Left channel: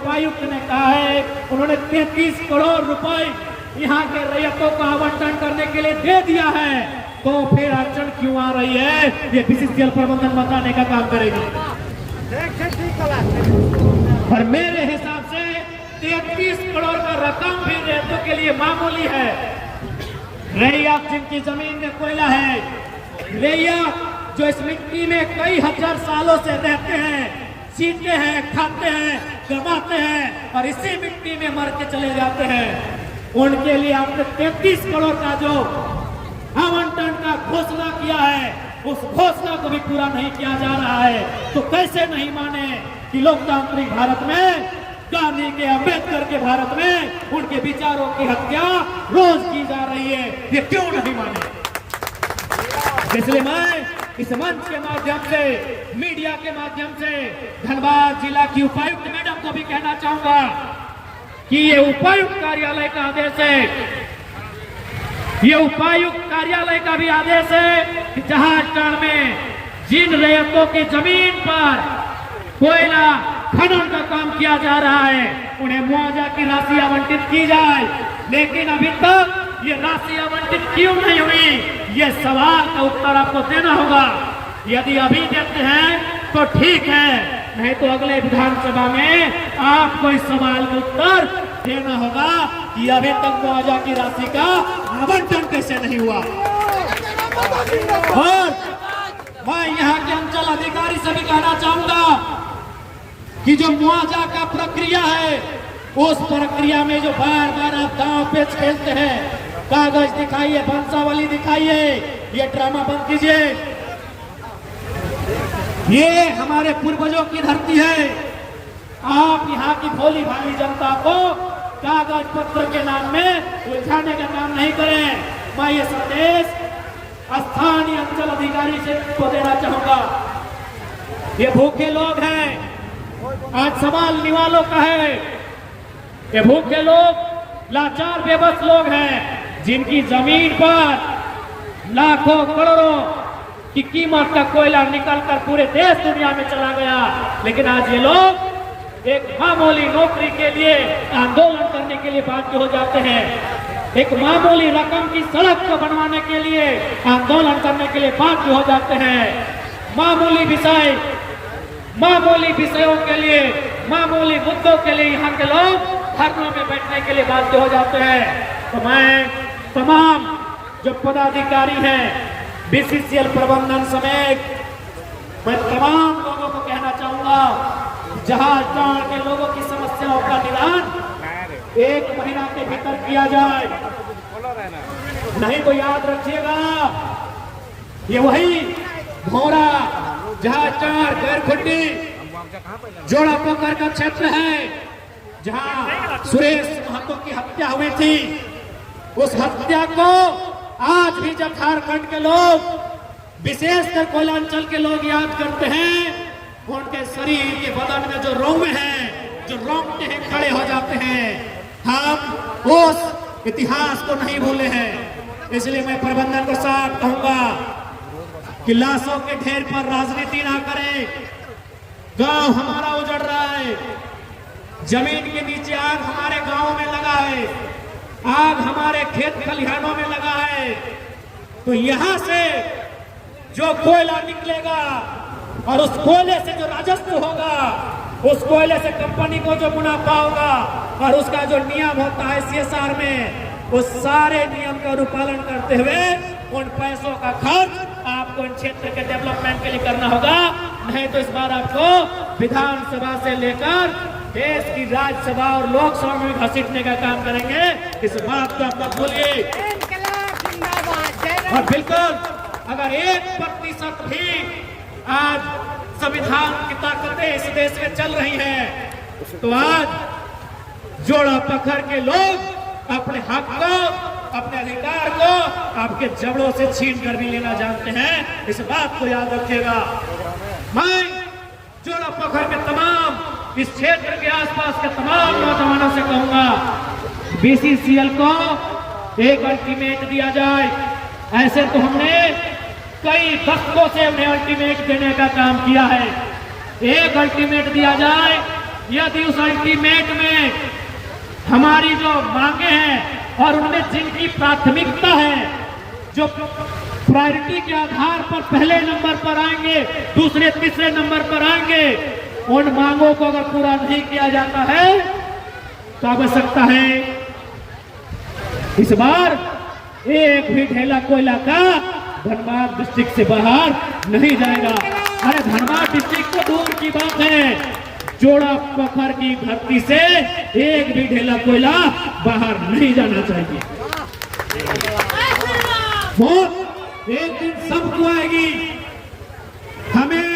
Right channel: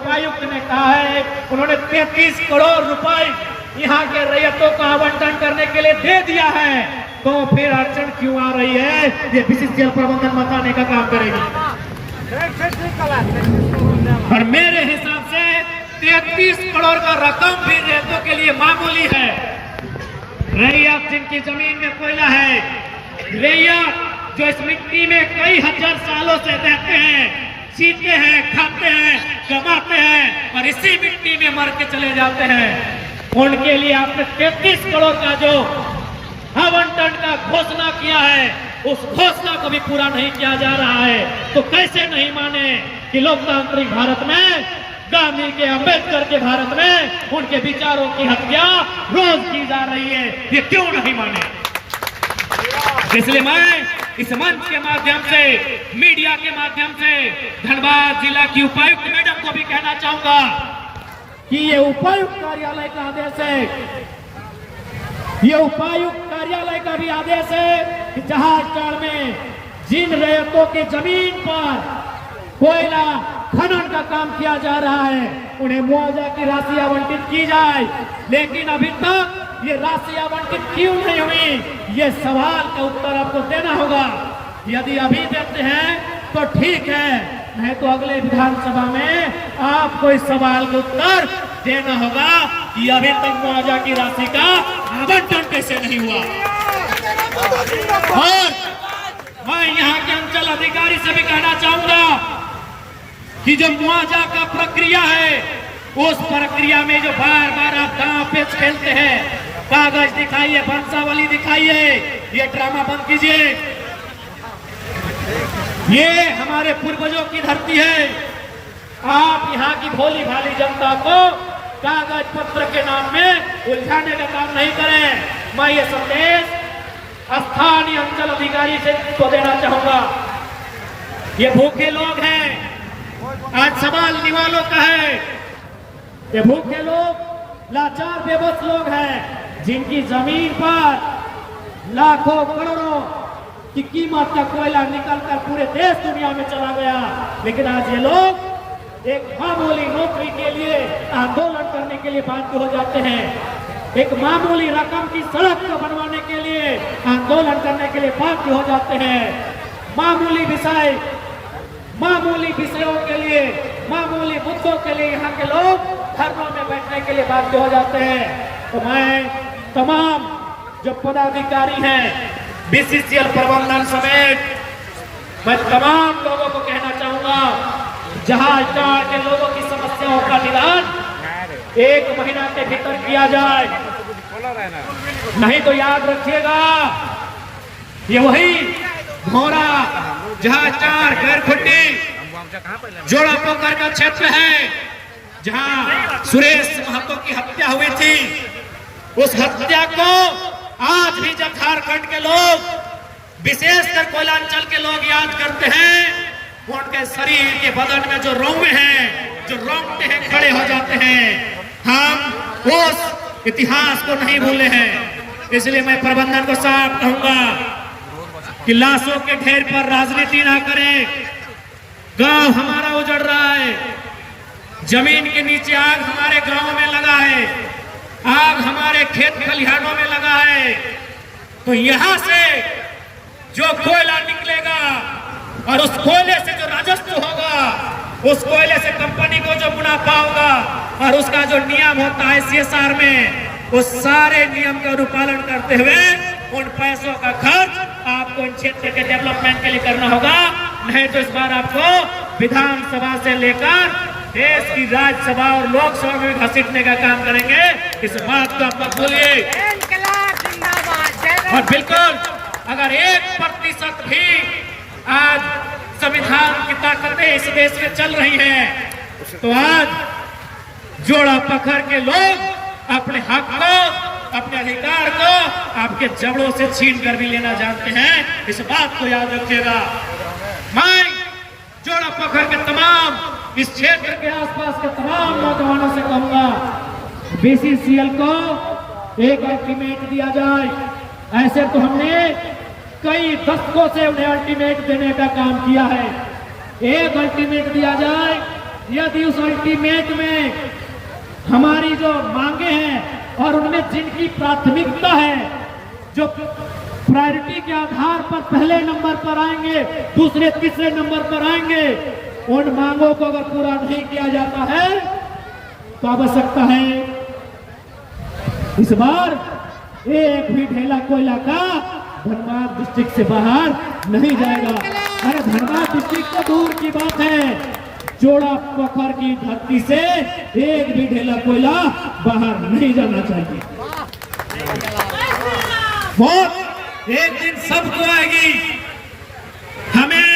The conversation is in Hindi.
उपायुक्त ने कहा है, उन्होंने 33 करोड़ रुपए यहाँ के रैयतों को आवंटन करने के लिए दे दिया है, तो फिर अड़चन क्यों आ रही है? ये बीसीसीएल प्रबंधन बताने का काम करेगी। और मेरे हिसाब से 33 करोड़ का रकम भी रैयतों के लिए मामूली है। रैयत जिनकी जमीन में कोयला है, रैयत जो इस मिट्टी में कई हजार सालों से रहते हैं, जीते हैं, खाते हैं, कमाते हैं और इसी मिट्टी में मर के चले जाते हैं, उनके लिए आपने 33 करोड़ का जो आवंटन का घोषणा किया है, उस घोषणा को भी पूरा नहीं किया जा रहा है। तो कैसे नहीं माने कि लोकतांत्रिक भारत में, गांधी के, अंबेडकर के भारत में उनके विचारों की हत्या रोज की जा रही है? ये क्यों नहीं माने? इसलिए मैं इस मंच के माध्यम से, मीडिया के माध्यम से धनबाद जिला की उपायुक्त मैडम को भी कहना चाहूंगा कि ये उपायुक्त कार्यालय का आदेश है, ये उपायुक्त कार्यालय का भी आदेश है कि जहाजटाड़ में जिन रैयतों की जमीन पर कोयला खनन का काम किया जा रहा है, उन्हें मुआवजा की राशि आवंटित की जाए। लेकिन अभी तक ये राशि आवंटित क्यों नहीं हुई, ये सवाल का उत्तर आपको देना होगा। यदि अभी देते हैं तो ठीक है, नहीं तो अगले विधानसभा में आपको इस सवाल का उत्तर देना होगा कि अभी तक मुआवजा की राशि का आवंटन कैसे नहीं हुआ। और मैं यहाँ के अंचल अधिकारी से भी कहना चाहूंगा कि जो मुआवजा का प्रक्रिया है, उस प्रक्रिया में जो बार बार आप दांव पेच खेलते हैं, कागज दिखाइए, वंशावली दिखाइए, ये ड्रामा बंद कीजिए। ये हमारे पूर्वजों की धरती है। आप यहाँ की भोली भाली जनता को कागज पत्र के नाम में उलझाने का काम नहीं करें। मैं ये संदेश स्थानीय अंचल अधिकारी से तो देना चाहूंगा। ये भूखे लोग हैं, आज सवाल निवालों का है। ये भूखे लोग, लाचार बेबस लोग हैं, जिनकी जमीन पर लाखों करोड़ों की कीमत का कोयला निकलकर पूरे देश दुनिया में चला गया, लेकिन आज ये लोग एक मामूली नौकरी के लिए आंदोलन करने के लिए बाध्य हो जाते हैं, एक मामूली रकम की सड़क को बनवाने के लिए आंदोलन करने के लिए बाध्य हो जाते हैं। मामूली विषयों के लिए, मामूली मुद्दों के लिए यहाँ के लोग धरनों में बैठने के लिए बाध्य हो जाते हैं। तो मैं तमाम जो पदाधिकारी हैं, बीसीसीएल प्रबंधन समेत, मैं तमाम लोगों को कहना चाहूंगा, जहाजटाड़ के लोगों की समस्याओं का निदान 1 महीना के भीतर किया जाए, नहीं तो याद रखिएगा ये वही घोरा जहाजटाड़ गैरखुंडी जोड़ा पोखर का क्षेत्र है, जहां सुरेश महतो की हत्या हुई थी। उस हत्या को आज भी जब झारखंड के लोग, विशेषकर कोयलांचल के लोग याद करते हैं, उनके शरीर के बदन में जो रोंवे हैं, जो रोंगटे हैं, खड़े हो जाते हैं। हम उस इतिहास को नहीं भूले हैं। इसलिए मैं प्रबंधन को साफ कहूंगा कि लाशों के ढेर पर राजनीति ना करें। गांव हमारा उजड़ रहा है, जमीन के नीचे आग हमारे गांव में लगा है, आग हमारे खेत खलिहानों में लगा है। तो यहां से जो कोयला निकलेगा और उस कोयले से जो राजस्व होगा, उस कोयले से कंपनी को जो मुनाफा होगा और उसका जो नियम होता है सीएसआर में, उस सारे नियम का अनुपालन करते हुए उन पैसों का खर्च आपको इन क्षेत्र के डेवलपमेंट के लिए करना होगा। नहीं तो इस बार आपको विधानसभा से लेकर देश की राज्यसभा और लोकसभा में भी घसीटने का काम करेंगे। इस बात को आप मत भूलिए। और बिल्कुल अगर 1% भी आज संविधान की ताकतें इस देश में चल रही हैं, तो आज जोड़ा पकड़ के लोग अपने हक को, अपने अधिकार को आपके जबड़ों से छीन कर भी लेना जानते हैं। इस बात को याद रखिएगा। मैं जोड़ा पकड़ के तमाम इस क्षेत्र के आसपास के तमाम नौजवानों से कहूंगा, बीसीसीएल को एक अल्टीमेट दिया जाए। ऐसे तो हमने कई दशकों से उन्हें अल्टीमेट देने का काम किया है। एक अल्टीमेट दिया जाए, यदि उस अल्टीमेट में हमारी जो मांगे हैं और उनमें जिनकी प्राथमिकता है, जो प्रायोरिटी के आधार पर पहले नंबर पर आएंगे, दूसरे तीसरे नंबर पर आएंगे, उन मांगों को अगर पूरा नहीं किया जाता है तो आवश्यकता है इस बार एक भी ढेला कोयला का धनबाद डिस्ट्रिक्ट से बाहर नहीं जाएगा। अरे धनबाद डिस्ट्रिक्ट तो दूर की बात है, जोड़ा पत्थर की धरती से एक भी ढेला कोयला बाहर नहीं जाना चाहिए। बहुत एक दिन सबको आएगी, हमें